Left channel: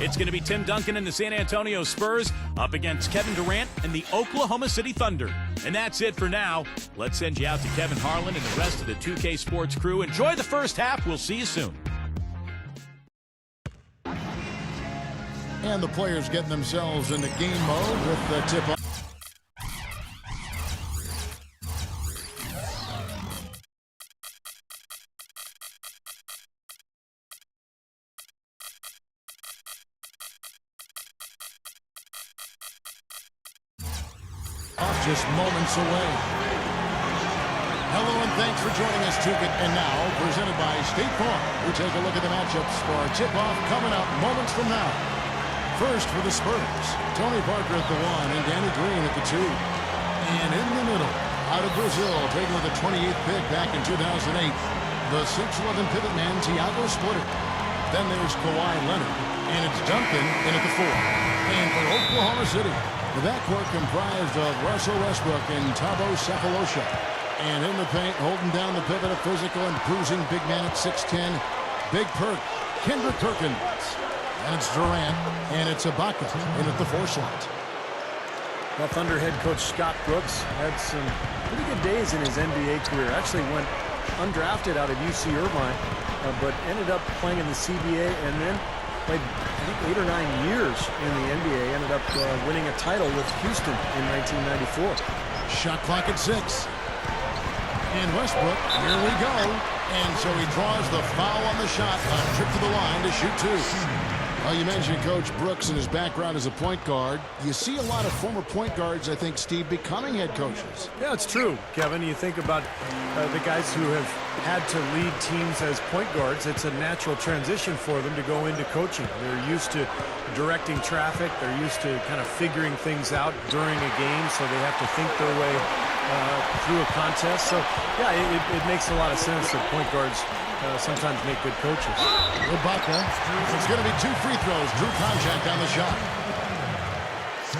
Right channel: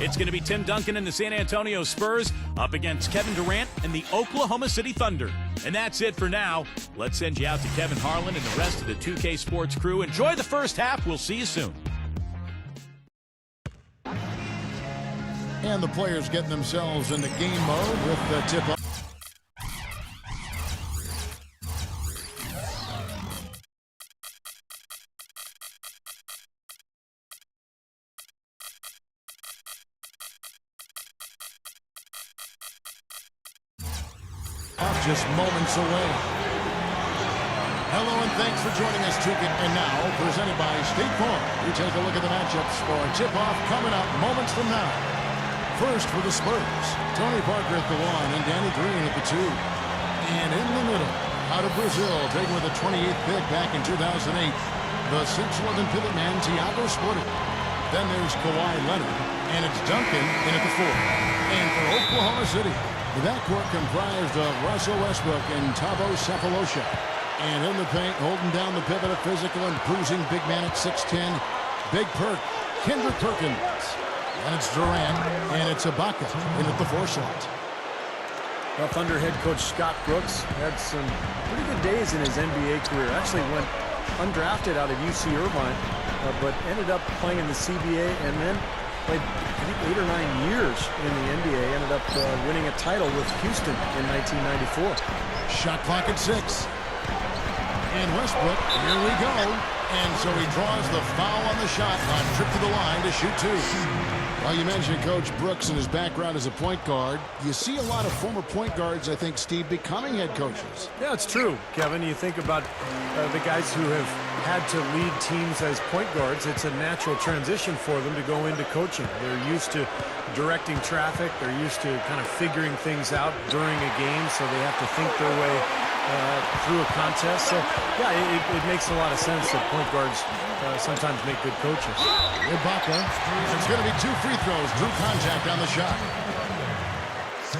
It's going to be Tim Duncan and the San Antonio Spurs up against Kevin Durant and the Oklahoma City Thunder. And that's it for now. Let's send you out to Kevin Harlan and the rest of the 2K Sports crew. Enjoy the first half. We'll see you soon. And the players getting themselves into game mode with the tip-off. Just moments away. Hello and thanks for joining us, Tukin. And now, presented by State Farm, we take a look at the matchups for our tip-off coming up moments from now. First for the Spurs, Tony Parker at the 1 and Danny Green at the 2. And in the middle, out of Brazil, taken with the 28th pick back in 2008, the 6'11 pivot man, Thiago Splitter. Then there's Kawhi Leonard, and it's Duncan in at the 4. And for Oklahoma City, the backcourt comprised of Russell Westbrook and Thabo Sefolosha. And in the paint, holding down the pivot, a physical and bruising big man at 6'10", Big Perk, Kendrick Perkins. And it's Durant, and it's Ibaka in at the 4 slot. Well, Thunder head coach Scott Brooks had some pretty good days in his NBA career. Actually went undrafted out of UC Irvine, but ended up playing in the CBA and then played, I think, 8 or 9 years in the NBA. Ended up winning a title with Houston in 1994. Shot clock at 6. And Westbrook, here we go. And so he draws the foul on the shot on trip to the line to shoot 2. Well, you mentioned Coach Brooks and his background as a point guard. You see a lot of former point guards, I think, Steve, becoming head coaches. Yeah, it's true, Kevin. You think about the guys who have had to lead teams as point guards. It's a natural transition for them to go into coaching. They're used to directing traffic. They're used to kind of figuring things out during a game, so they have to think their way through a contest. So, yeah, it makes a lot of sense that point guards sometimes make good coaches. Ibaka, it's going to be 2 free throws. Drew contact on the shot.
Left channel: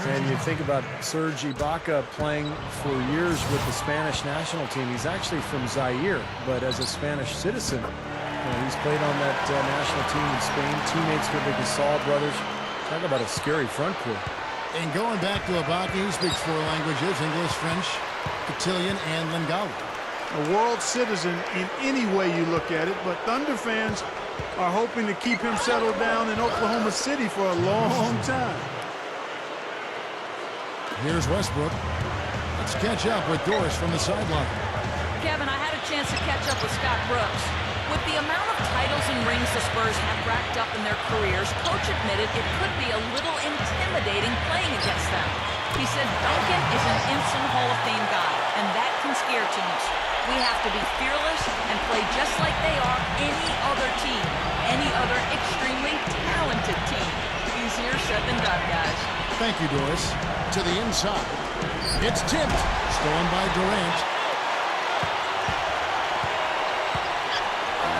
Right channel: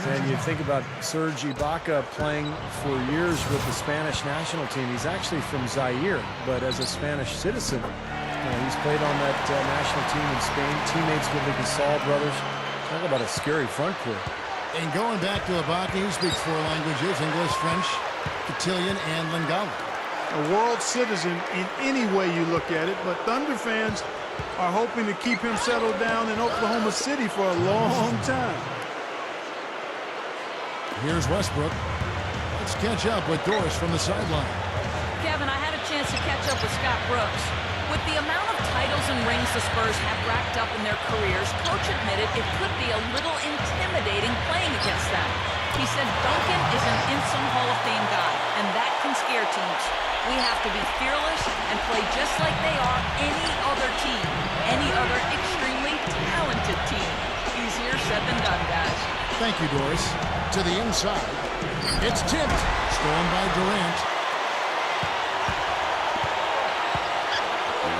And you think about Serge Ibaka playing for years with the Spanish national team. He's actually from Zaire, but as a Spanish citizen, he's played on that national team in Spain. Teammates with the Gasol brothers. Talk about a scary front court. And going back to Ibaka, he speaks 4 languages: English, French, Cotillion, and Lingala. A world citizen in any way you look at it, but Thunder fans are hoping to keep him settled down in Oklahoma City for a long time. Here's Westbrook. Let's catch up with Doris from the sideline. Kevin, I had a chance to catch up with Scott Brooks. With the amount of titles and rings the Spurs have racked up in their careers, Coach admitted it could be a little intimidating playing against them. He said Duncan is an instant Hall of Fame guy, and that can scare teams. We have to be fearless and play just like they are any other team, any other extremely talented team. Easier said than done, guys. Thank you, Doris. To the inside. It's tipped. Stolen by Durant.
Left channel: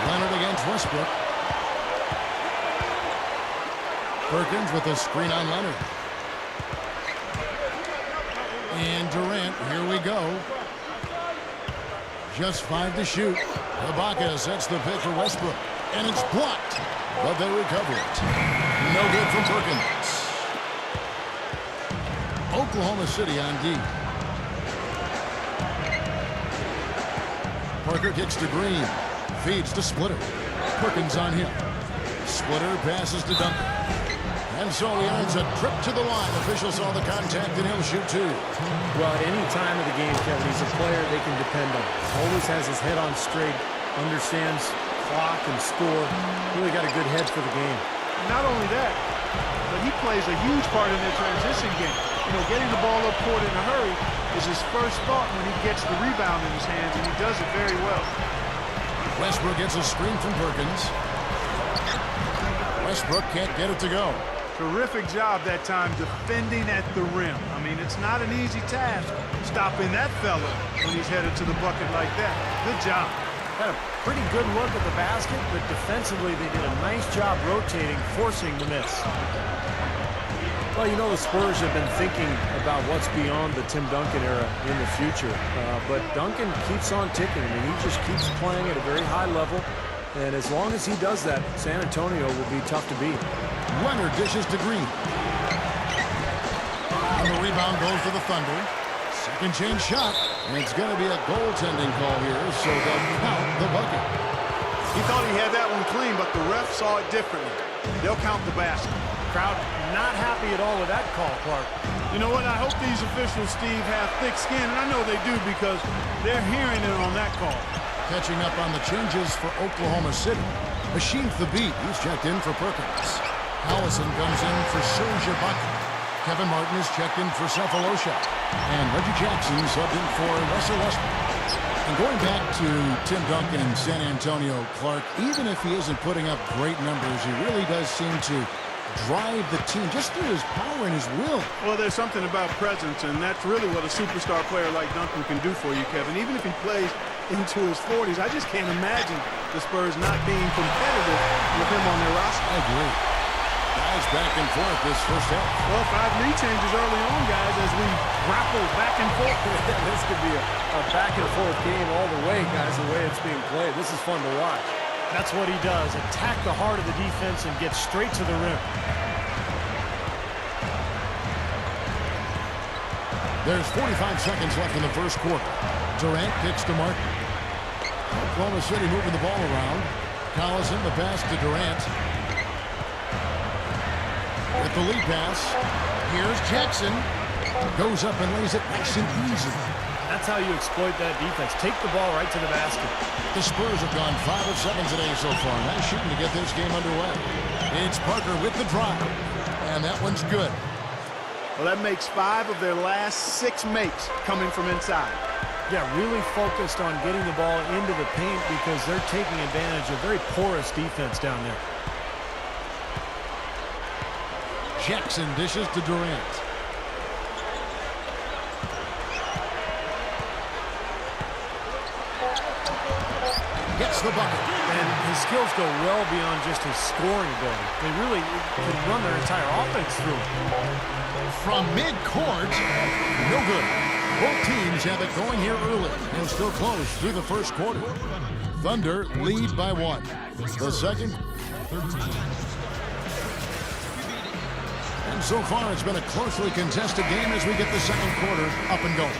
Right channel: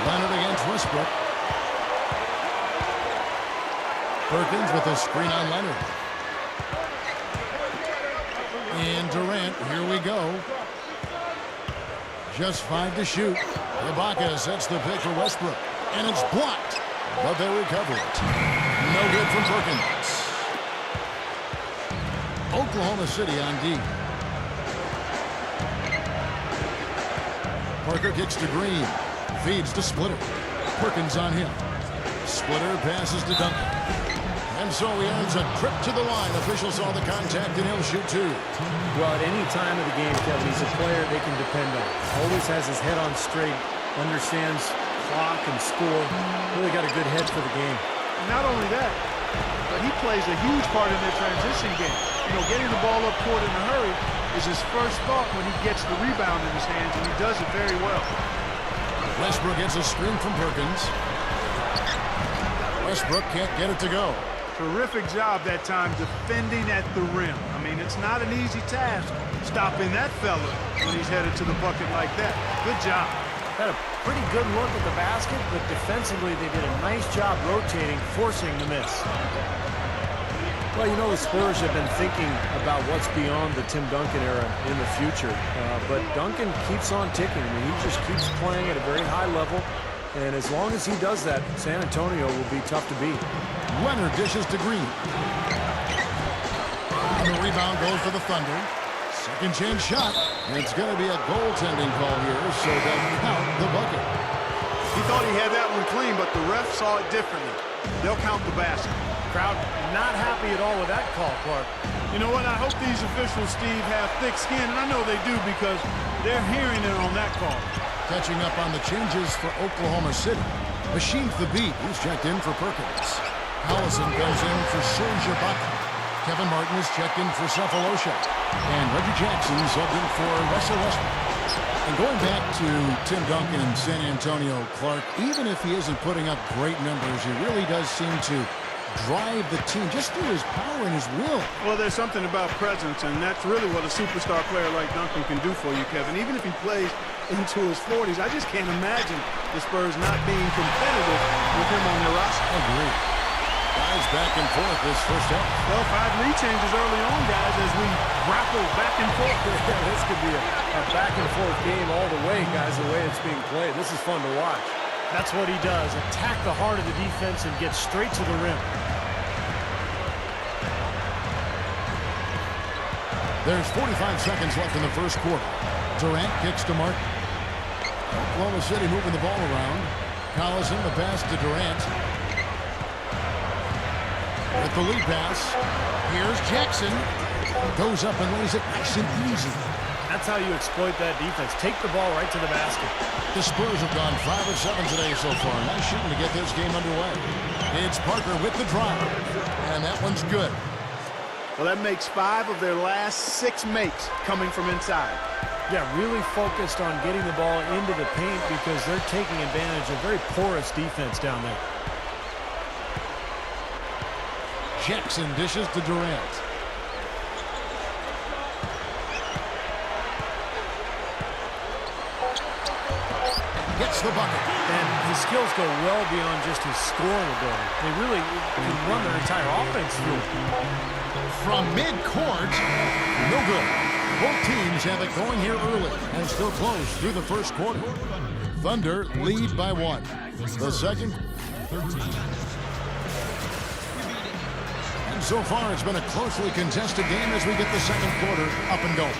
Leonard against Westbrook. Perkins with a screen on Leonard. And Durant, here we go. Just 5 to shoot. Ibaka sets the pick for Westbrook. And it's blocked, but they recover it. No good from Perkins. Oklahoma City on D. Parker kicks to Green. Feeds to Splitter. Perkins on him. Splitter passes to Duncan. And so he earns a trip to the line. Officials saw the contact, and he'll shoot 2. Well, at any time of the game, Kevin, he's a player they can depend on. Always has his head on straight, understands clock and score. Really got a good head for the game. Not only that, but he plays a huge part in their transition game. You know, getting the ball up court in a hurry is his first thought when he gets the rebound in his hands, and he does it very well. Westbrook gets a screen from Perkins. Westbrook can't get it to go. Terrific job that time defending at the rim. I mean, it's not an easy task stopping that fella when he's headed to the bucket like that. Good job. Had a pretty good look at the basket, but defensively they did a nice job rotating, forcing the miss. Well, you know, the Spurs have been thinking about what's beyond the Tim Duncan era in the future. But Duncan keeps on ticking. I mean, he just keeps playing at a very high level. And as long as he does that, San Antonio will be tough to beat. Leonard dishes to Green. And the rebound goes to the Thunder. Second chance shot. And it's going to be a goaltending call here, so they'll count the bucket. He thought he had that one clean, but the ref saw it differently. They'll count the basket. Crowd not happy at all with that call, Clark. You know what? I hope these officials, Steve, have thick skin, and I know they do because they're hearing it on that call. Catching up on the changes for Oklahoma City. Machine the beat. He's checked in for Perkins. Allison comes in for Serge Ibaka. Kevin Martin is checked in for Cephalosha. And Reggie Jackson subbed in for Russell Westbrook. And going back to Tim Duncan in San Antonio, Clark, even if he isn't putting up great numbers, he really does seem to drive the team just through his power and his will. Well, there's something about presence, and that's really what a superstar player like Duncan can do for you, Kevin. Even if he plays into his 40s, I just can't imagine the Spurs not being competitive with him on their roster. I agree. Guys back and forth this first half. Well, 5 lead changes early on, guys, as we grapple back and forth. This could be a back-and-forth game all the way, guys, the way it's being played. This is fun to watch. That's what he does. Attack the heart of the defense and get straight to the rim. There's 45 seconds left in the first quarter. Durant kicks to Martin. Oklahoma City moving the ball around. Collison, the pass to Durant. With the lead pass, here's Jackson. Goes up and lays it nice and easy. That's how you exploit that defense. Take the ball right to the basket. The Spurs have gone 5 of 7 today so far. Nice shooting to get this game underway. It's Parker with the drive. And that one's good. Well, that makes 5 of their last 6 makes coming from inside. Yeah, really focused on getting the ball into the paint because they're taking advantage of very porous defense down there. Jackson dishes to Durant. Gets the bucket. And his skills go well beyond just his scoring ability. They really can run their entire offense through him. From mid-court, no good. Both teams have it going here early and still close through the first quarter. Thunder lead by 1. The second, 13. And so far, it's been a closely contested game as we get the second quarter up and going.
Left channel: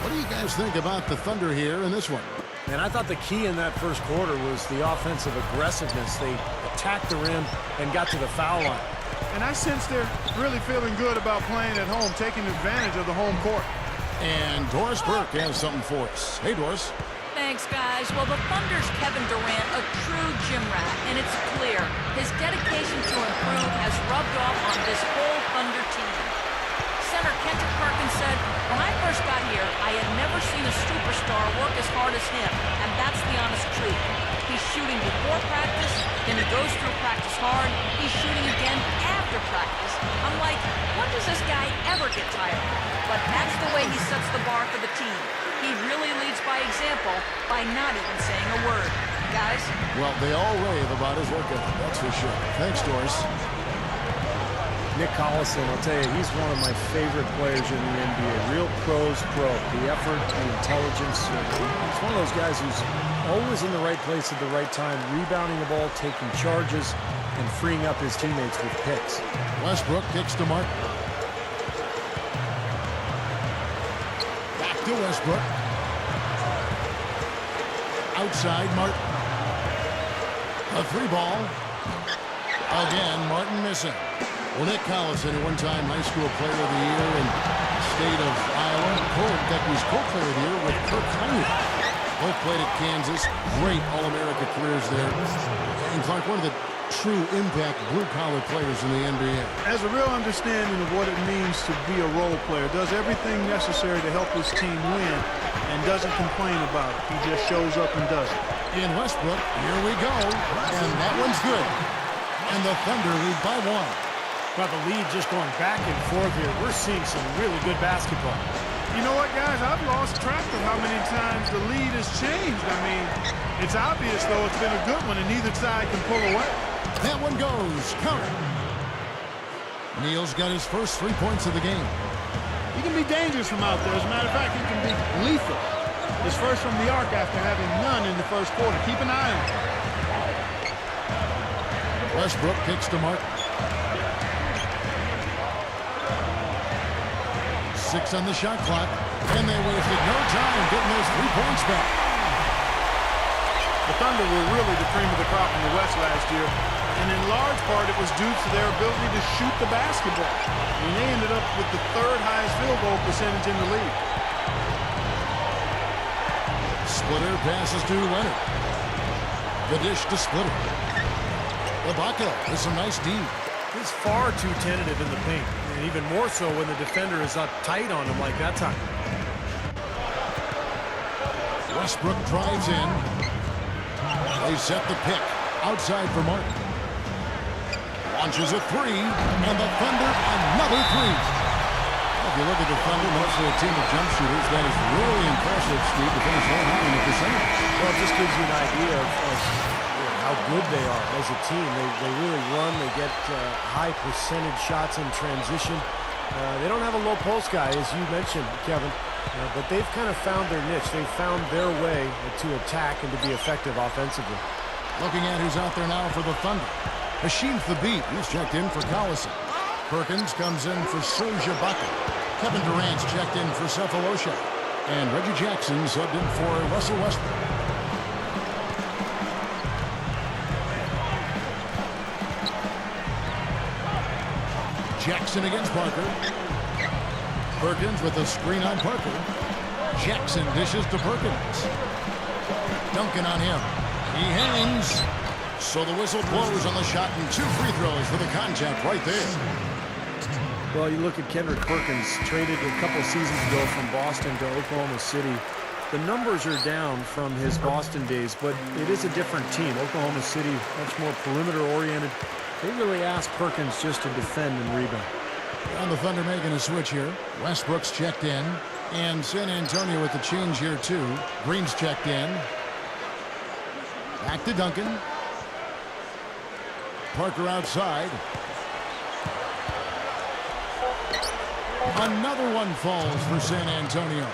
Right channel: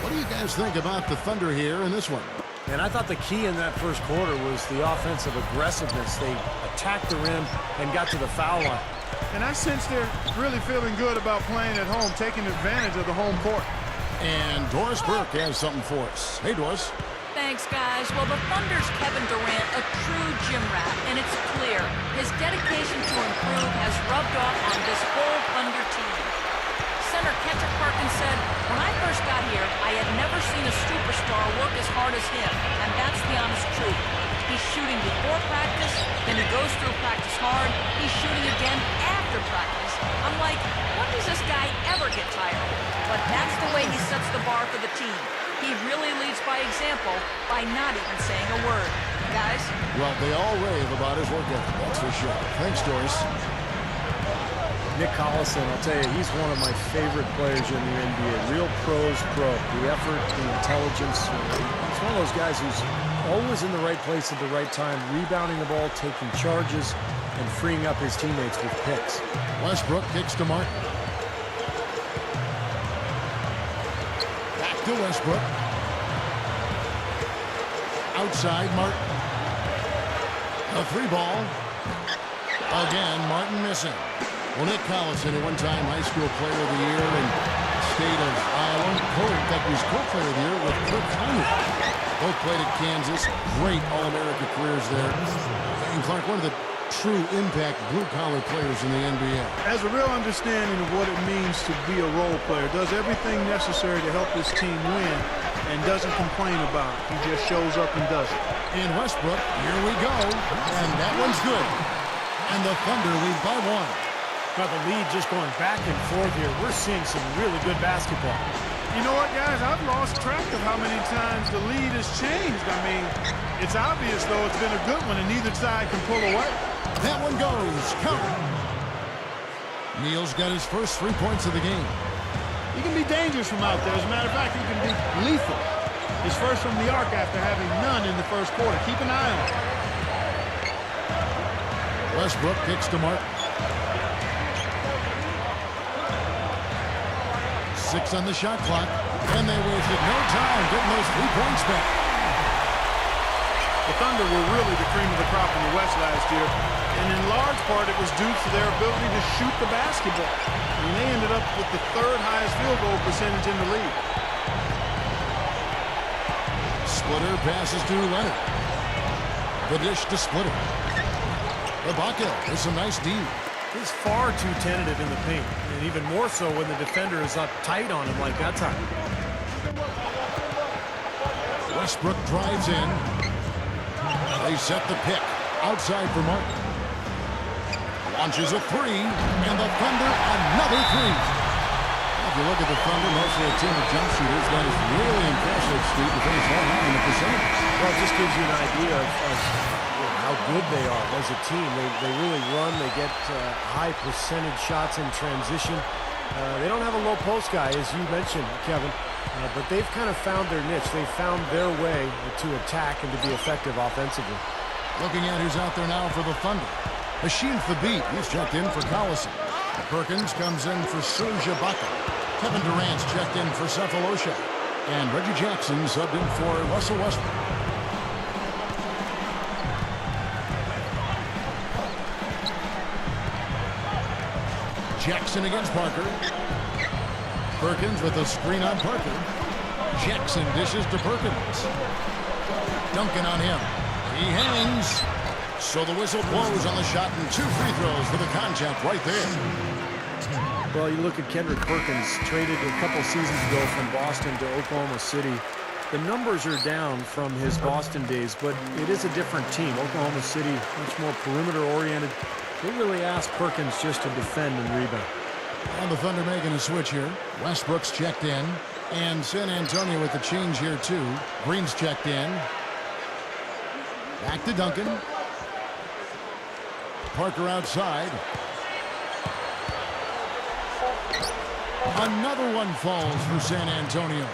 What do you guys think about the Thunder here in this one? And I thought the key in that first quarter was the offensive aggressiveness. They attacked the rim and got to the foul line. And I sense they're really feeling good about playing at home, taking advantage of the home court. And Doris Burke has something for us. Hey, Doris. Thanks, guys. Well, the Thunder's Kevin Durant, a true gym rat, and it's clear his dedication to improve has rubbed off on this whole Thunder team. Center Kendrick Perkins said, "When I first got here, I had never seen a superstar work as hard as him, and that's the honest truth. He's shooting before practice, then he goes through practice hard, he's shooting again after practice. I'm like, when does this guy ever get tired?" But that's the way he sets the bar for the team. He really leads by example by not even saying a word. Guys? Well, they all rave about his work ethic, that's for sure. Thanks, Doris. Nick Collison, I'll tell you, he's one of my favorite players in the NBA. Real pros pro. The effort, the intelligence. He's one of those guys who's always in the right place at the right time, rebounding the ball, taking charges, and freeing up his teammates with picks. Westbrook kicks to Martin. Back to Westbrook. Outside, Martin. A 3 ball. Again, Martin missing. Well, Nick Collison, a one-time high school player of the year in the state of Iowa. That was co-player of the year with Kirk Heinrich. Both played at Kansas. Great All-America careers there. And Clark, one of the true impact blue-collar players in the NBA. Has a real understanding of what it means to be a role player. Does everything necessary to help his team win and doesn't complain about it. He just shows up and does it. In Westbrook, here we go. And that one's good. And the Thunder lead by 1. Well, the lead just going back and forth here. We're seeing some really good basketball. You know what, guys? I've lost track of how many times the lead has changed. I mean, it's obvious, though, it's been a good one, and neither side can pull away. That one goes. Counter. Neal's got his first 3 points of the game. He can be dangerous from out there. As a matter of fact, he can be lethal. His first from the arc after having none in the first quarter. Keep an eye on him. Westbrook kicks to Martin. 6 on the shot clock, and they wasted no time getting those 3 points back. The Thunder were really the cream of the crop in the West last year, and in large part it was due to their ability to shoot the basketball. I mean, they ended up with the 3rd highest field goal percentage in the league. Splitter passes to Leonard. The dish to Splitter. Ibaka with some nice D. He's far too tentative in the paint, and even more so when the defender is up tight on him like that time. Westbrook drives in. They set the pick. Outside for Martin. Launches a 3, and the Thunder another 3. Well, if you look at the Thunder, mostly a team of jump shooters, that is really impressive, Steve, to finish that high in the percentages. Well, it just gives you an idea of how good they are as a team. They really run. They get high percentage shots in transition. They don't have a low post guy, as you mentioned, Kevin, but they've kind of found their niche. They've found their way to attack and to be effective offensively. Looking at who's out there now for the Thunder. Hashim Thabit, he's checked in for Collison. Perkins comes in for Serge Ibaka. Kevin Durant's checked in for Cephalosha. And Reggie Jackson subbed in for Russell Westbrook. Jackson against Parker. Perkins with a screen on Parker. Jackson dishes to Perkins. Duncan on him. He hangs. So the whistle blows on the shot and 2 free throws for the contact right there. Well, you look at Kendrick Perkins, traded a couple seasons ago from Boston to Oklahoma City. The numbers are down from his Boston days, but it is a different team. Oklahoma City, much more perimeter-oriented. They really ask Perkins just to defend and rebound. And the Thunder making a switch here. Westbrook's checked in. And San Antonio with the change here, too. Green's checked in. Back to Duncan. Parker outside. Another one falls for San Antonio.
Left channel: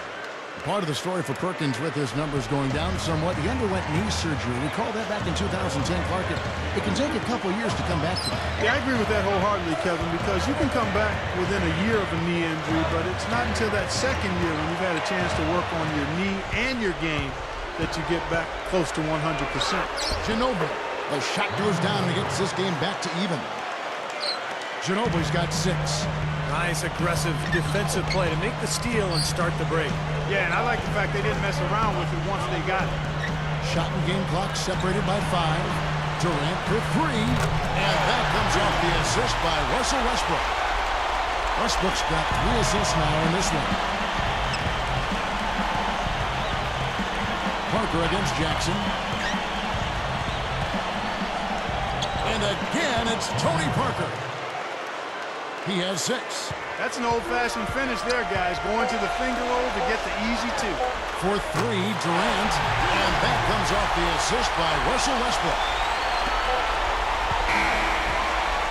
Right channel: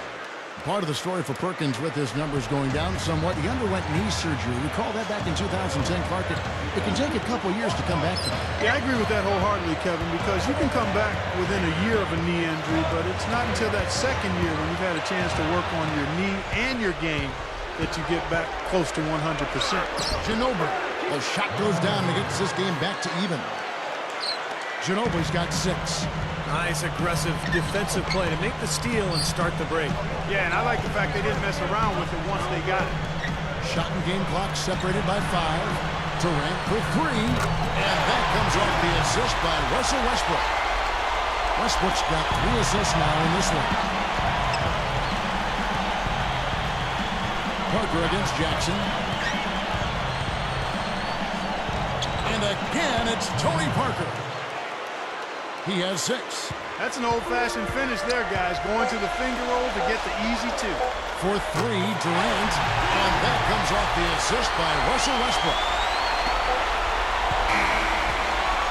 Part of the story for Perkins with his numbers going down somewhat. He underwent knee surgery. We called that back in 2010, Clark. It can take a couple years to come back to that. Yeah, I agree with that wholeheartedly, Kevin, because you can come back within a year of a knee injury, but it's not until that second year when you've had a chance to work on your knee and your game that you get back close to 100%. Ginobili. The shot goes down and it gets this game back to even. Ginobili's got 6. Nice aggressive defensive play to make the steal and start the break. Yeah, and I like the fact they didn't mess around with it once they got it. Shot and game clock separated by 5. Durant for 3. And that comes off the assist by Russell Westbrook. Westbrook's got 3 assists now in this one. Parker against Jackson. And again, it's Tony Parker. He has 6. That's an old-fashioned finish there, guys. Going to the finger roll to get the easy 2. For 3, Durant. And that comes off the assist by Russell Westbrook.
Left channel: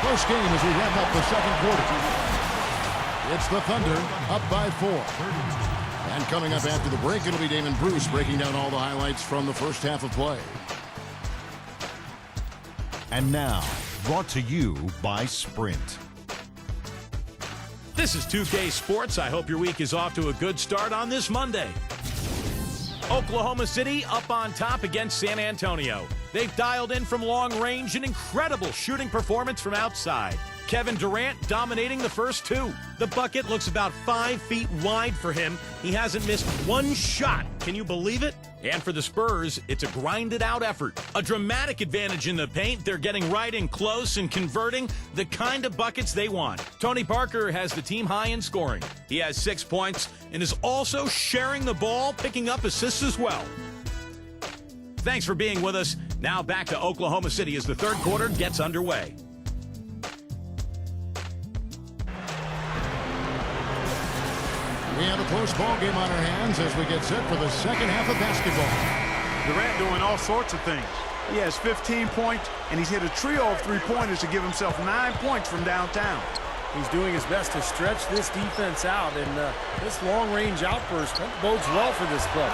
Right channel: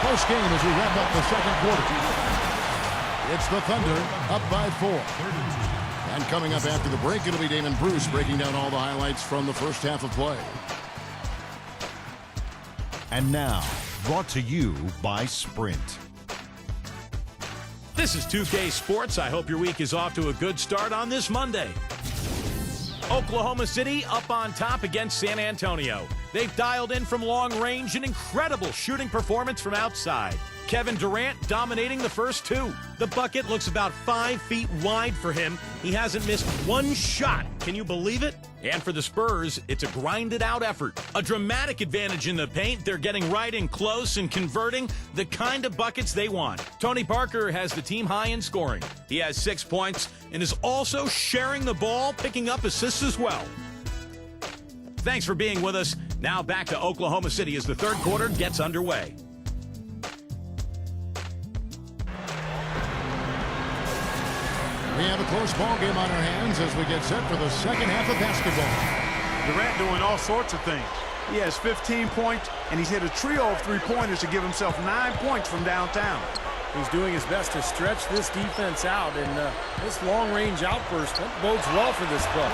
Close game as we wrap up the second quarter. It's the Thunder up by 4. And coming up after the break, it'll be Damon Bruce breaking down all the highlights from the first half of play. And now, brought to you by Sprint. This is 2K Sports. I hope your week is off to a good start on this Monday. Oklahoma City up on top against San Antonio. They've dialed in from long range an incredible shooting performance from outside. Kevin Durant dominating the first 2. The bucket looks about 5 feet wide for him. He hasn't missed 1 shot. Can you believe it? And for the Spurs, it's a grinded-out effort. A dramatic advantage in the paint. They're getting right in close and converting the kind of buckets they want. Tony Parker has the team high in scoring. He has 6 points and is also sharing the ball, picking up assists as well. Thanks for being with us. Now back to Oklahoma City as the third quarter gets underway. We have a close ball game on our hands as we get set for the second half of basketball. Durant doing all sorts of things. He has 15 points, and he's hit a trio of 3-pointers to give himself 9 points from downtown. He's doing his best to stretch this defense out, and this long-range outburst, that bodes well for this club.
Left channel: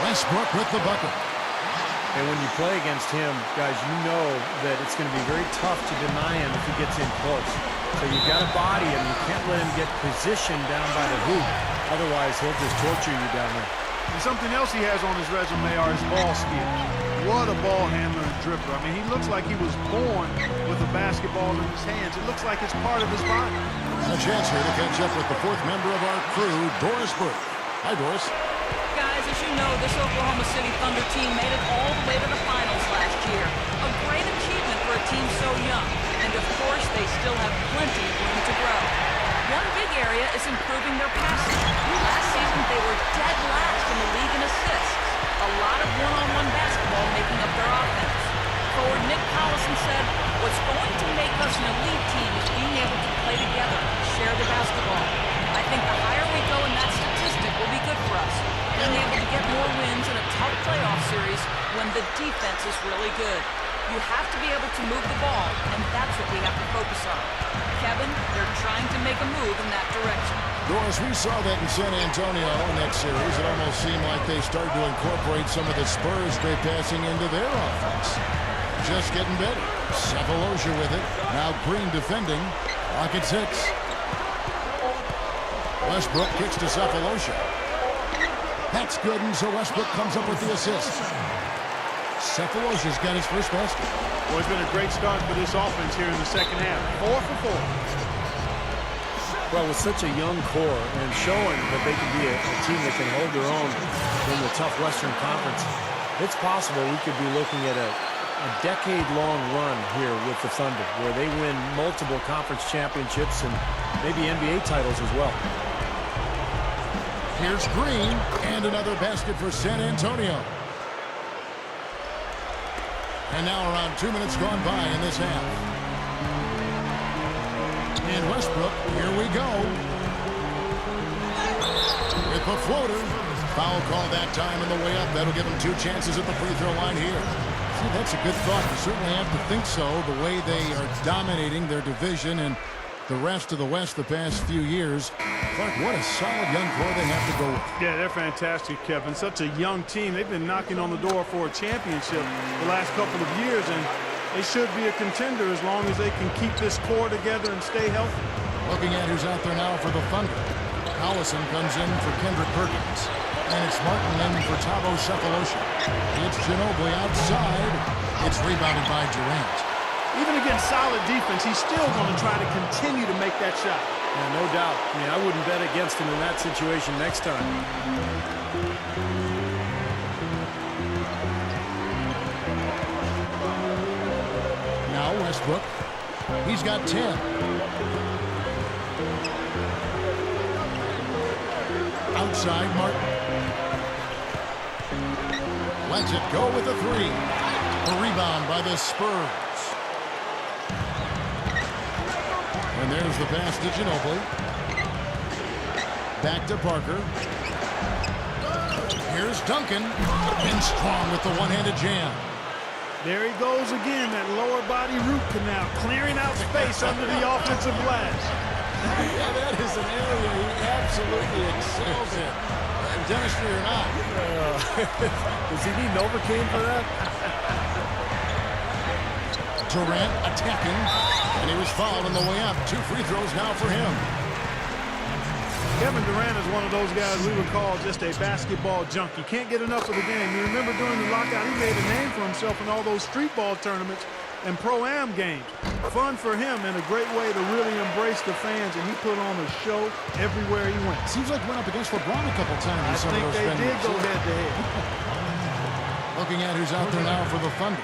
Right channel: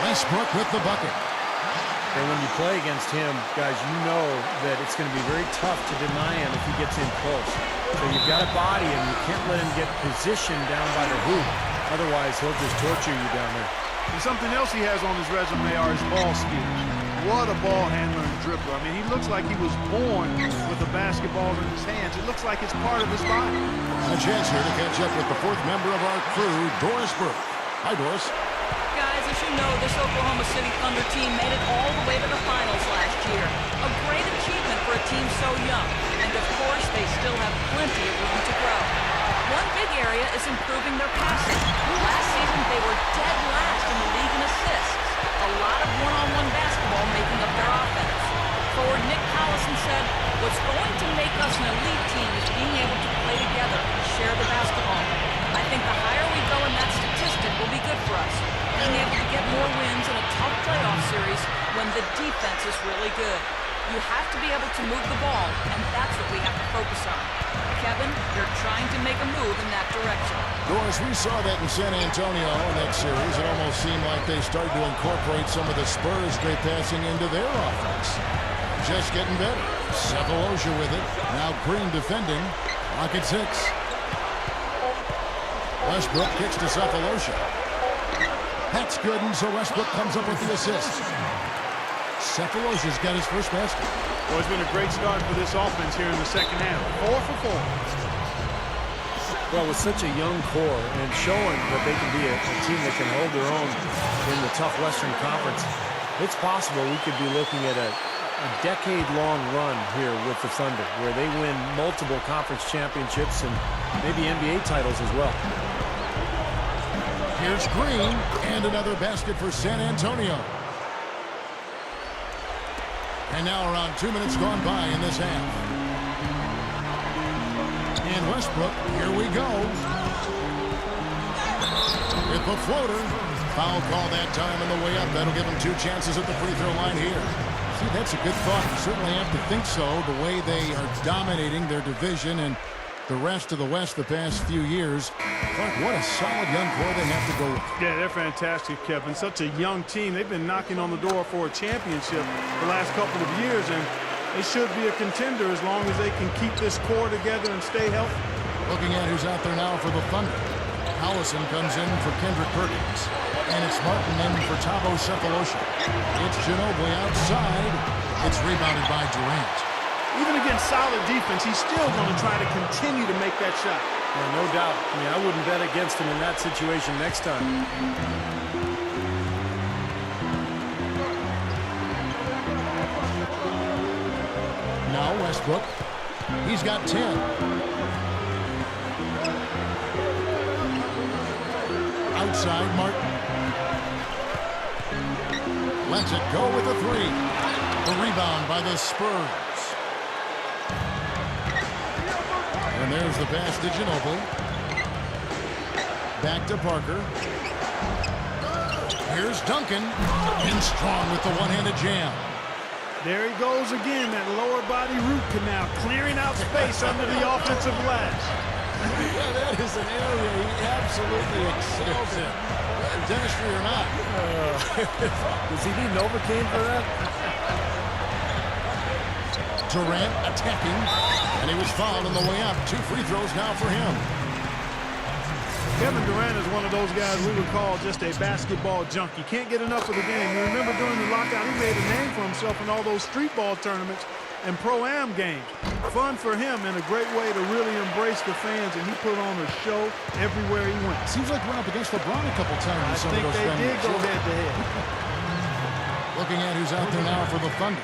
Westbrook with the bucket. And when you play against him, guys, you know that it's going to be very tough to deny him if he gets in close. So you've got to body him. You can't let him get positioned down by the hoop. Otherwise, he'll just torture you down there. And something else he has on his resume are his ball skills. What a ball handler and dribbler. I mean, he looks like he was born with a basketball in his hands. It looks like it's part of his body. And a chance here to catch up with the fourth member of our crew, Doris Burke. Hi, Doris. Guys, as you know, this Oklahoma City Thunder team made it all the way to the finals last year. A great achievement for a team so young. And of course, they still have plenty of room to grow. One big area is improving their passing. Last season, they were dead last in the league in assists. A lot of one-on-one basketball making up their offense. Forward Nick Collison said, "What's going to make us an elite team is being able to play together, share the basketball." I think the higher we go in that statistic will be good for us. Being able to get more wins in a tough playoff series when the defense is really good. You have to be able to move the ball, and that's what we have to focus on. Kevin, they're trying to make a move in that direction. Doris, we saw that in San Antonio in that series. It almost seemed like they started to incorporate some of the Spurs' great passing into their offense. Just getting better. Cephalosha with it. Now Green defending. Clock at 6. Westbrook kicks to Cephalosha. That's good, and so Westbrook comes up with the assist. Cephalosha's got his first basket. Well, it's been a great start for this offense here in the second half. 4 for 4. Well, with such a young core and showing that they can be a team that can hold their own in the tough Western Conference, it's possible we could be looking at a decade-long run here with the Thunder, where they win multiple conference championships and maybe NBA titles as well. Here's Green, and another basket for San Antonio. And now around 2 minutes gone by in this half. And Westbrook, here we go. With the floater. Foul call that time on the way up. That'll give him 2 chances at the free throw line here. See, that's a good thought. You certainly have to think so, the way they are dominating their division and the rest of the West the past few years. Clark, what a solid young core they have to go with. Yeah, they're fantastic, Kevin. Such a young team. They've been knocking on the door for a championship the last couple of years, and they should be a contender as long as they can keep this core together and stay healthy. Looking at who's out there now for the Thunder. Collison comes in for Kendrick Perkins. And it's Martin in for Thabo Cephalosha. It's Ginobili outside. It's rebounded by Durant. Even against solid defense, he's still going to try to continue to make that shot. Yeah, no doubt. I mean, I wouldn't bet against him in that situation next time. Now Westbrook. He's got 10. Outside, Martin. Lets it go with a 3. The rebound by the Spurs. And there's the pass to Ginobili. Back to Parker. Here's Duncan. In strong with the one-handed jam. There he goes again, that lower body root canal, clearing out space under the offensive glass. Yeah, that is an area he absolutely excels in. Dentistry or not. Does he need Novocaine for that? Durant attacking, and he was fouled on the way up. 2 free throws now for him. Kevin Durant is one of those guys we would call just a basketball junkie. Can't get enough of the game. You remember during the lockout, he made a name for himself in all those street ball tournaments and pro-am games. Fun for him and a great way to really embrace the fans, and he put on a show everywhere he went. Seems like went up against LeBron a couple times in some of those venues. I think they did go head-to-head. Looking at who's out there now for the Thunder.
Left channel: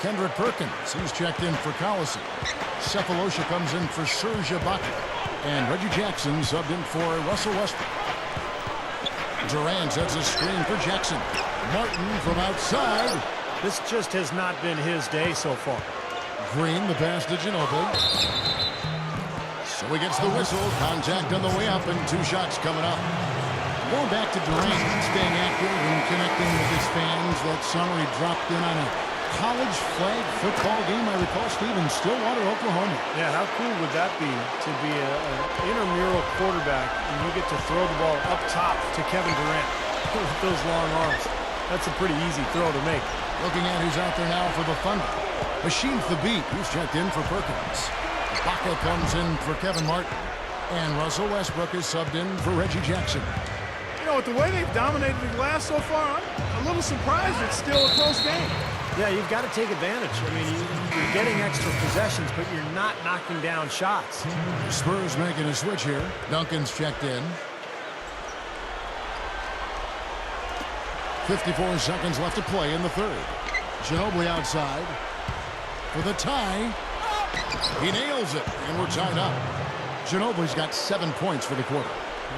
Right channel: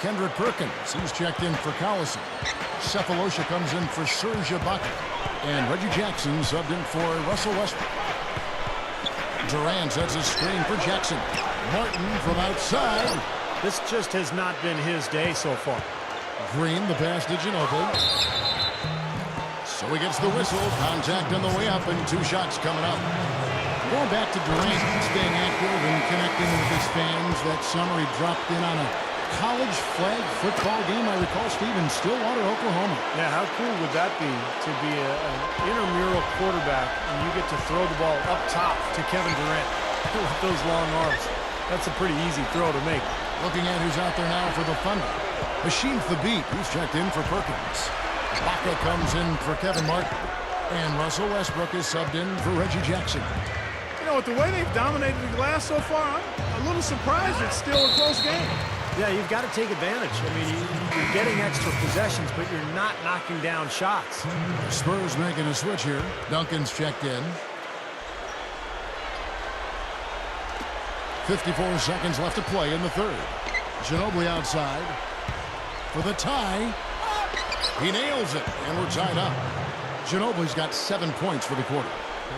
Kendrick Perkins, he's checked in for Collison. Cephalosha comes in for Serge Ibaka. And Reggie Jackson subbed in for Russell Westbrook. Durant sets a screen for Jackson. Martin from outside. This just has not been his day so far. Green, the pass to Ginobili. So he gets the whistle. Contact on the way up, and 2 shots coming up. Going back to Durant, staying active and connecting with his fans. That summer he dropped in on a college flag football game, I recall, Steve, in Stillwater, Oklahoma. Yeah, how cool would that be to be an intramural quarterback and you get to throw the ball up top to Kevin Durant with those long arms. That's a pretty easy throw to make. Looking at who's out there now for the Thunder. Machine the beat. He's checked in for Perkins. Ibaka comes in for Kevin Martin. And Russell Westbrook is subbed in for Reggie Jackson. You know, with the way they've dominated the glass so far, I'm a little surprised it's still a close game. Yeah, you've got to take advantage. I mean, you're getting extra possessions, but you're not knocking down shots. The Spurs making a switch here. Duncan's checked in. 54 seconds left to play in the third. Ginobili outside for the tie. He nails it, and we're tied up. Ginobili's got 7 points for the quarter.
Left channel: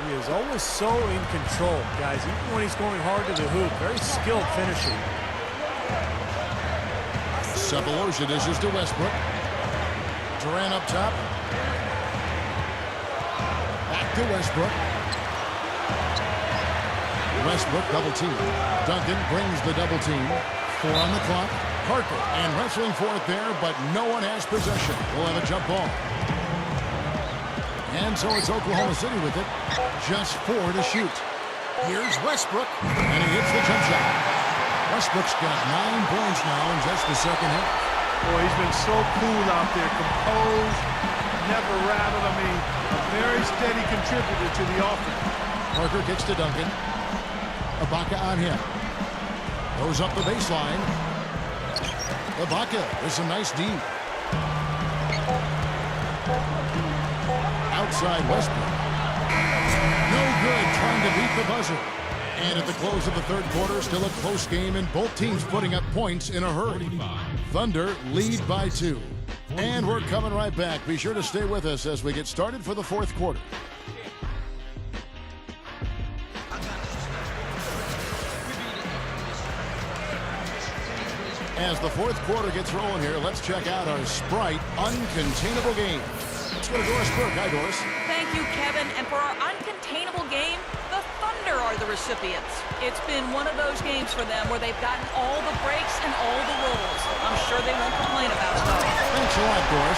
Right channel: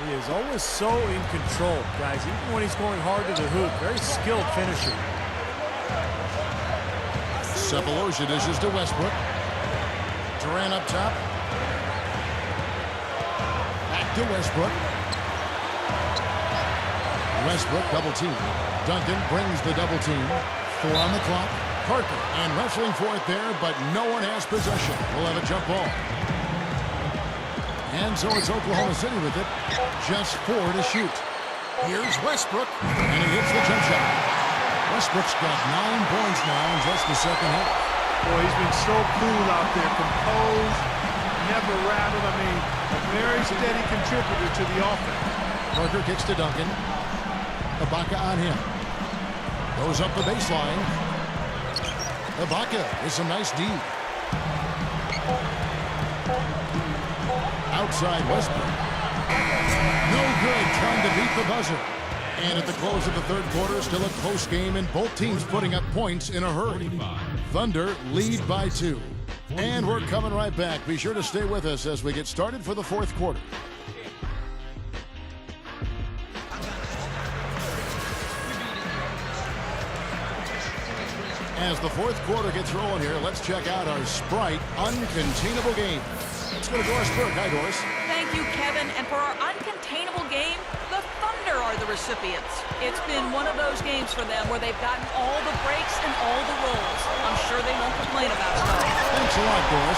He is always so in control, guys, even when he's going hard to the hoop. Very skilled finisher. Sefolosha dishes to Westbrook. Durant up top. Back to Westbrook. Westbrook double team. Duncan brings the double team. 4 on the clock. Parker and wrestling for it there, but no one has possession. We'll have a jump ball. And so it's Oklahoma City with it. Just 4 to shoot. Here's Westbrook, and he hits the jump shot. Westbrook's got 9 points now in just the second half. Boy, he's been so cool out there, composed, never rattled. I mean, a very steady contributor to the offense. Parker kicks to Duncan. Ibaka on him. Goes up the baseline. Ibaka with some nice D. Outside Westbrook. No good trying to beat the buzzer. And at the close of the third quarter, still a close game and both teams putting up points in a hurry. Thunder lead by 2. And we're coming right back. Be sure to stay with us as we get started for the fourth quarter. As the fourth quarter gets rolling here, let's check out our Sprite Uncontainable Game. Let's go to Doris Burke. Hi, Doris. Thank you, Kevin. And for our uncontainable game, the Thunder are the recipients. It's been one of those games for them where they've gotten all the breaks and all the rolls. I'm sure they won't complain about it, though. Thanks a lot, Doris.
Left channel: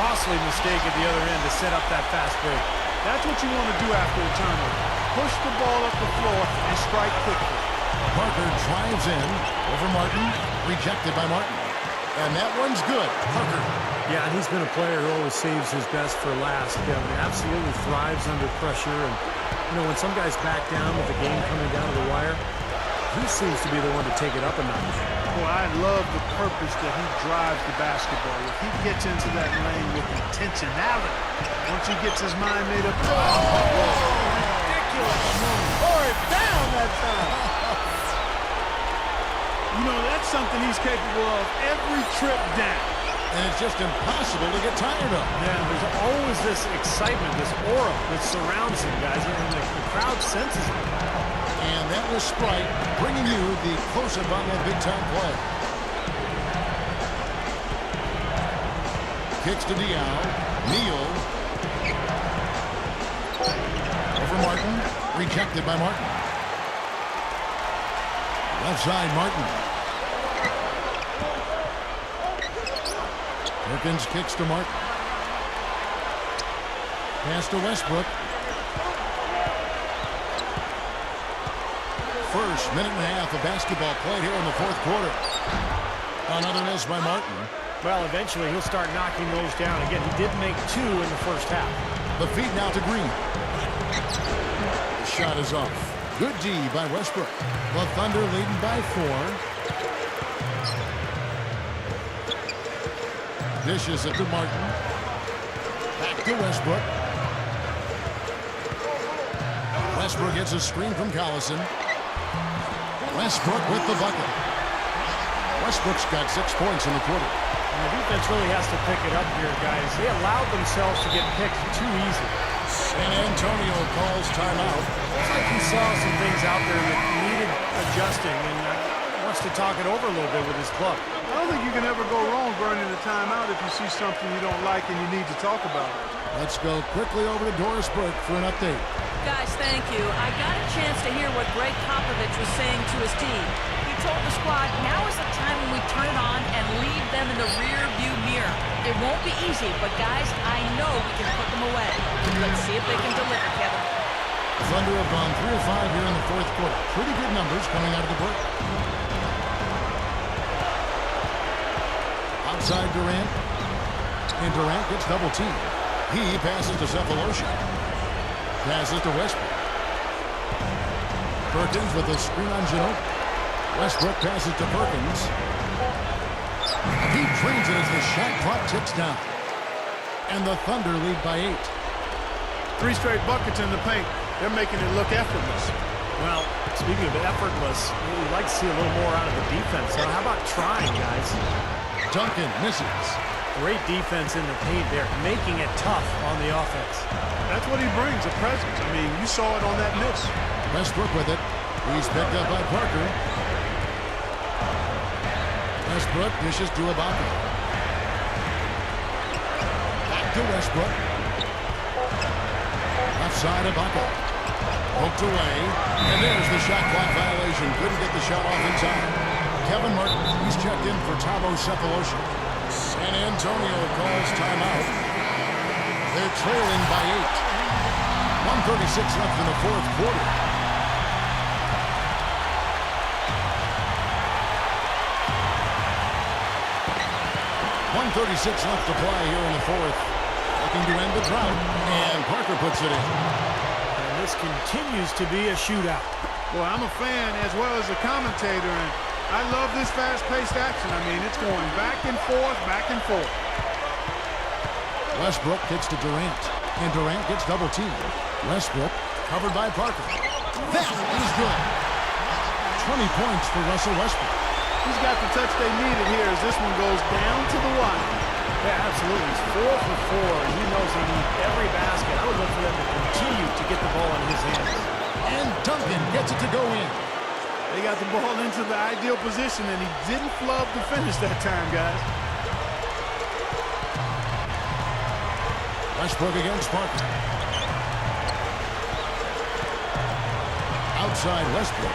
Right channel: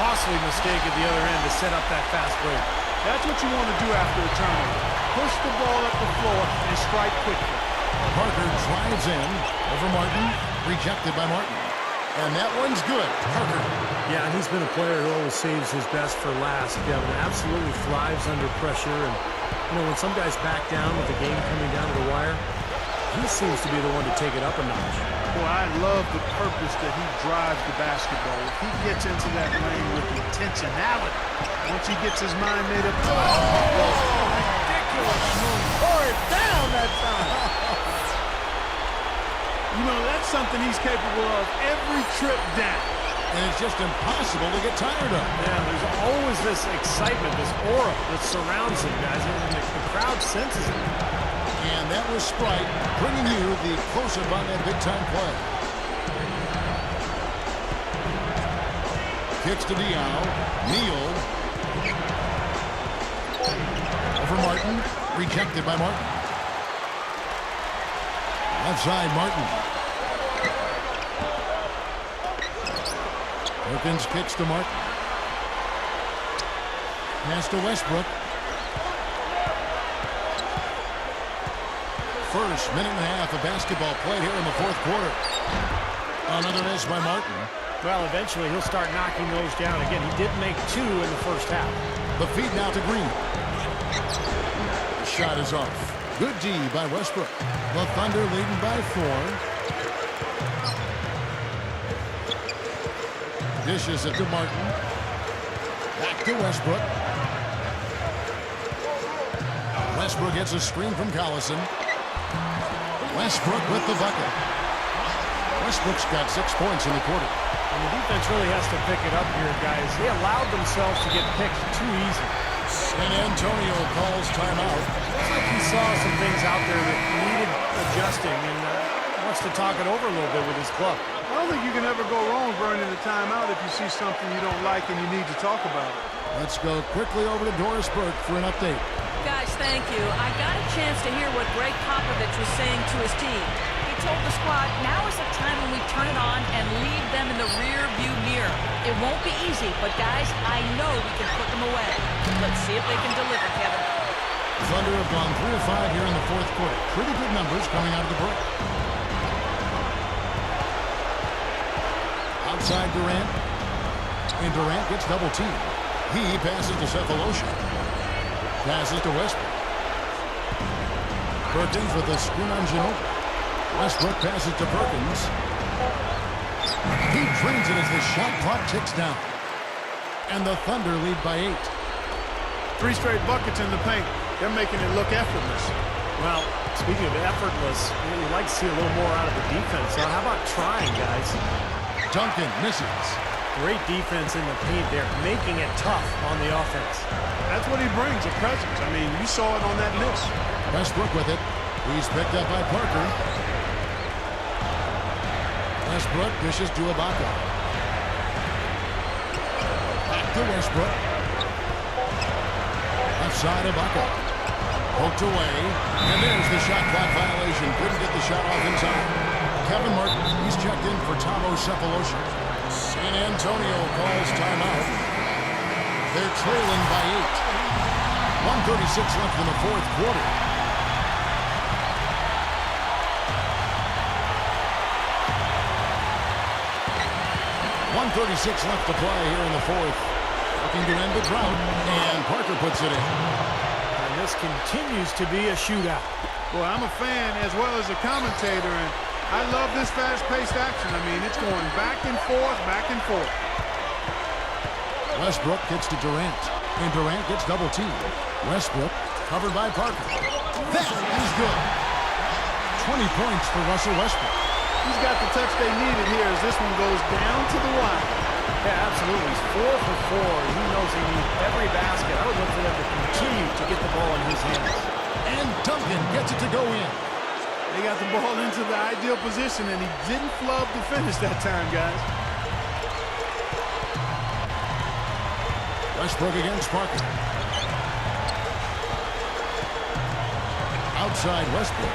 Costly mistake at the other end to set up that fast break. That's what you want to do after a turnover. Push the ball up the floor and strike quickly. Parker drives in over Martin. Rejected by Martin. And that one's good. Parker. Yeah, and he's been a player who always saves his best for last, Kevin. Absolutely thrives under pressure. And, you know, when some guys back down with the game coming down to the wire, he seems to be the one to take it up a notch. Boy, I love the purpose that he drives the basketball. If he gets into that lane with intentionality, once he gets his mind made up. Ridiculous. Pour it down that time. You know, that's something he's capable of every trip down. And it's just impossible to get tired of. Yeah, there's always this excitement, this aura that surrounds him, guys, and the crowd senses it. And that was Sprite bringing you the close-up on that big-time play. Kicks to Diaw. Neal. Over Martin. Rejected by Martin. Left side, Martin. Perkins kicks to Martin. Pass to Westbrook. First minute and a half of basketball played here in the fourth quarter. Another miss by Martin. Well, eventually he'll start knocking those down again. He did make 2 in the first half. The feed now to Green. The shot is off. Good D by Westbrook. The Thunder leading by 4. Dishes it to Martin. Back to Westbrook. Westbrook gets a screen from Collison. Westbrook with the bucket. Westbrook's got 6 points in the quarter. And the defense really has to pick it up here, guys. They allowed themselves to get picked too easy. San Antonio calls timeout. Looks like he saw some things out there that needed adjusting and wants to talk it over a little bit with his club. I don't think you can ever go wrong burning a timeout if you see something you don't like and you need to talk about it. Let's go quickly over to Doris Burke for an update. Guys, thank you. I got a chance to hear what Greg Popovich was saying to his team. He told the squad, now is the time when we turn it on and leave them in the rear view mirror. It won't be easy, but guys, I know we can put them away. Let's see if they can deliver, Kevin. Thunder have gone 3 of 5 here in the fourth quarter. Pretty good numbers coming out of the break. Outside Durant. and Durant gets double teamed. He passes to Cephalosha. Passes to Westbrook. Perkins with a screen on Ginobili. Westbrook passes to Perkins. He drains it as the shot clock ticks down. And the Thunder lead by 8. 3 straight buckets in the paint. They're making it look effortless. Well, speaking of effortless, you'd like to see a little more out of the defense. So how about trying, guys? Duncan misses. Great defense in the paint there, making it tough on the offense. That's what he brings, a presence. I mean, you saw it on that miss. Westbrook with it. He's picked up by Parker. Westbrook dishes to Ibaka. Back to Westbrook. Left side, Ibaka. Poked away. And there's the shot clock violation. Couldn't get the shot off in time. Kevin Martin, he's checked in for Thabo Cephalosha. San Antonio calls timeout. They're trailing by 8. 1:36 left in the fourth quarter. .136 left to play here in the fourth. Looking to end the drought, and Parker puts it in. And this continues to be a shootout. Boy, I'm a fan as well as a commentator, and I love this fast-paced action. I mean, it's going back and forth, back and forth. Westbrook kicks to Durant, and Durant gets double teamed. Westbrook covered by Parker. That is good. 20 points for Russell Westbrook. He's got the touch they needed here as this one goes down to the wire. Yeah, absolutely. He's 4 for 4, and he knows they need every basket. I would look for them to continue to get the ball in his hands. And Duncan gets it to go in. They got the ball into the ideal position, and he didn't flub the finish that time, guys. Westbrook against Parker. Outside Westbrook.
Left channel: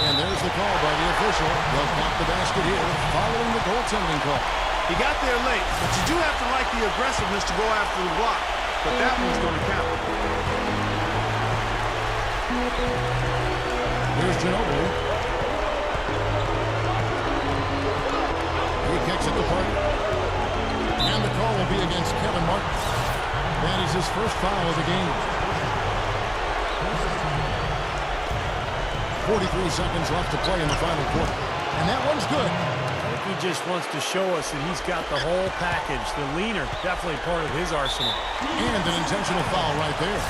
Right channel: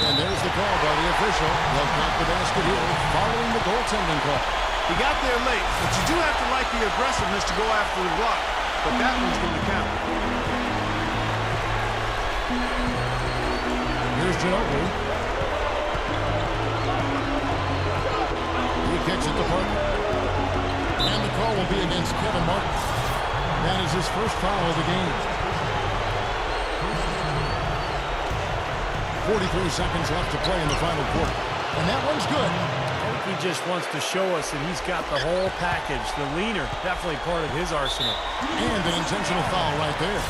And there's the call by the official. They'll count the basket here following the goaltending call. He got there late, but you do have to like the aggressiveness to go after the block. But that one's going to count. Here's Ginobili. He kicks it to Parker. And the call will be against Kevin Martin. That is his first foul of the game. 43 seconds left to play in the final quarter. And that one's good. I think he just wants to show us that he's got the whole package. The leaner, definitely part of his arsenal. And an intentional foul right there.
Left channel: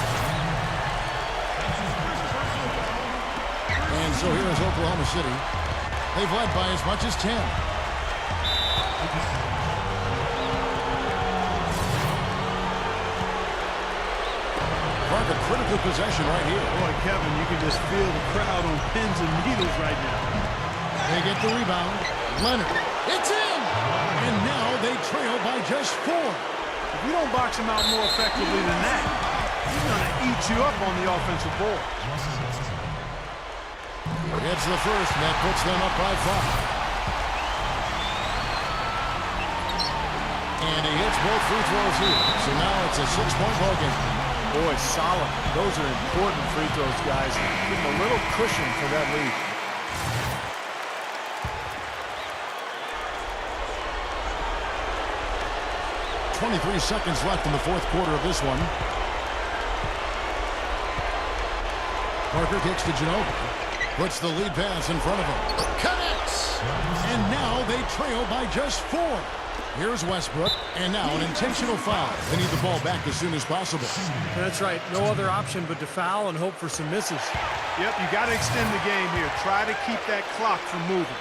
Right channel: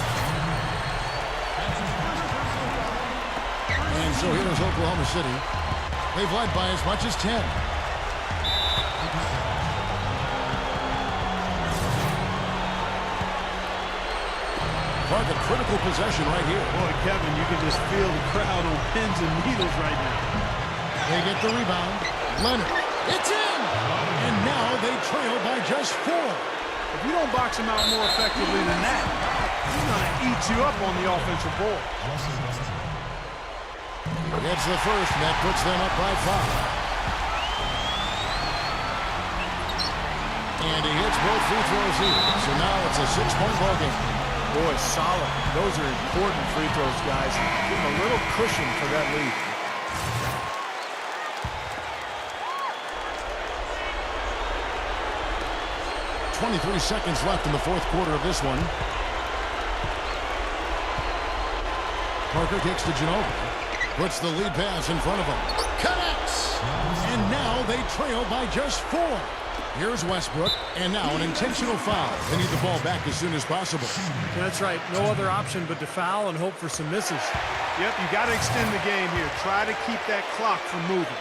And so here is Oklahoma City. They've led by as much as 10. Park, a critical possession right here. Boy, Kevin, you can just feel the crowd on pins and needles right now. They get the rebound. Leonard. It's in! And now they trail by just 4. If you don't box him out more effectively than that, he's going to eat you up on the offensive board. He gets the first, and that puts them up by 5. And he hits both free throws here. So now it's a 6-point ball game. Boy, solid. Those are important free throws, guys. Give him a little cushion for that lead. .23 seconds left in the fourth quarter of this one. Parker kicks to Ginobili. Puts the lead pass in front of him. Connects! And now they trail by just 4. Here's Westbrook, and now an intentional foul. They need the ball back as soon as possible. That's right. No other option but to foul and hope for some misses. Yep, you got to extend the game here. Try to keep that clock from moving.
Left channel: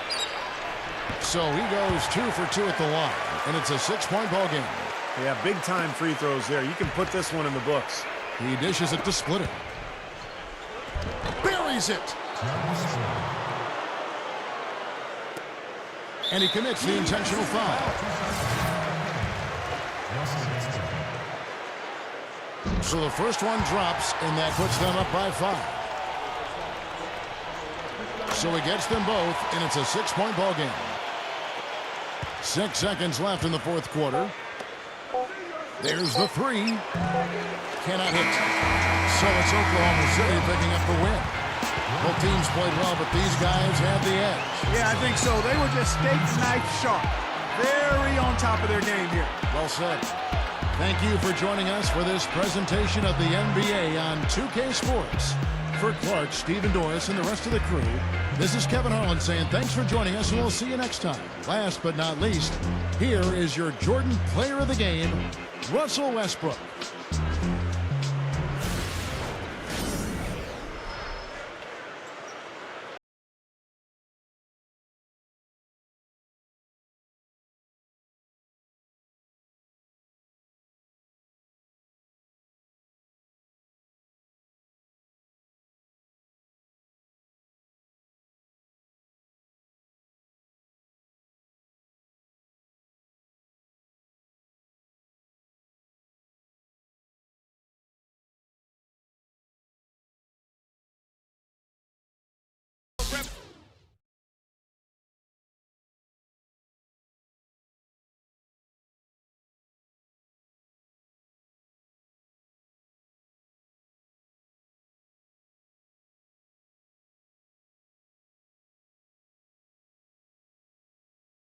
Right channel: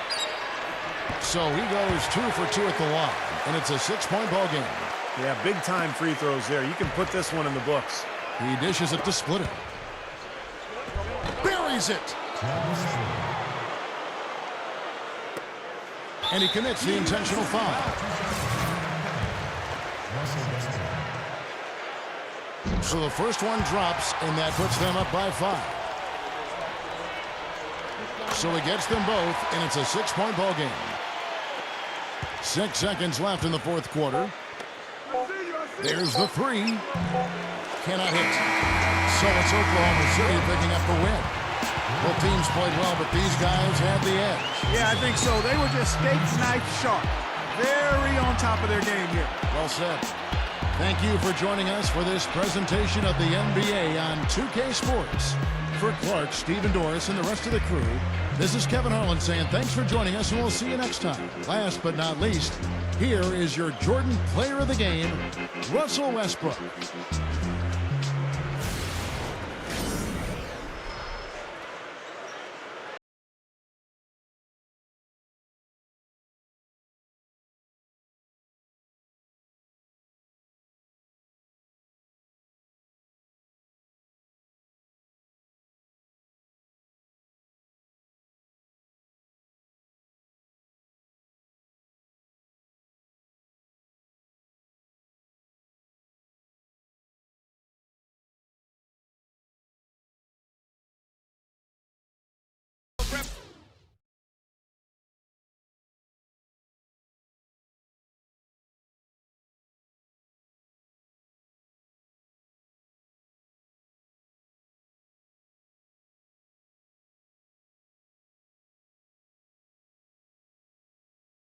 So he goes 2 for 2 at the line, and it's a 6-point ball game. Yeah, big-time free throws there. You can put this one in the books. He dishes it to Splitter. Buries it! And he commits the intentional foul. So the first one drops, and that puts them up by 5. So he gets them both, and it's a 6-point ball game. 6 seconds left in the fourth quarter. There's the 3. Cannot hit. So it's Oklahoma City picking up the win. Both teams played well, but these guys had the edge. Yeah, I think so. They were just steak knife sharp. very on top of their game here. Well said. Thank you for joining us for this presentation of the NBA on 2K Sports. For Clark, Stephen Doris, and the rest of the crew, this is Kevin Harlan saying thanks for joining us, and we'll see you next time. Last but not least, here is your Jordan Player of the Game, Russell Westbrook.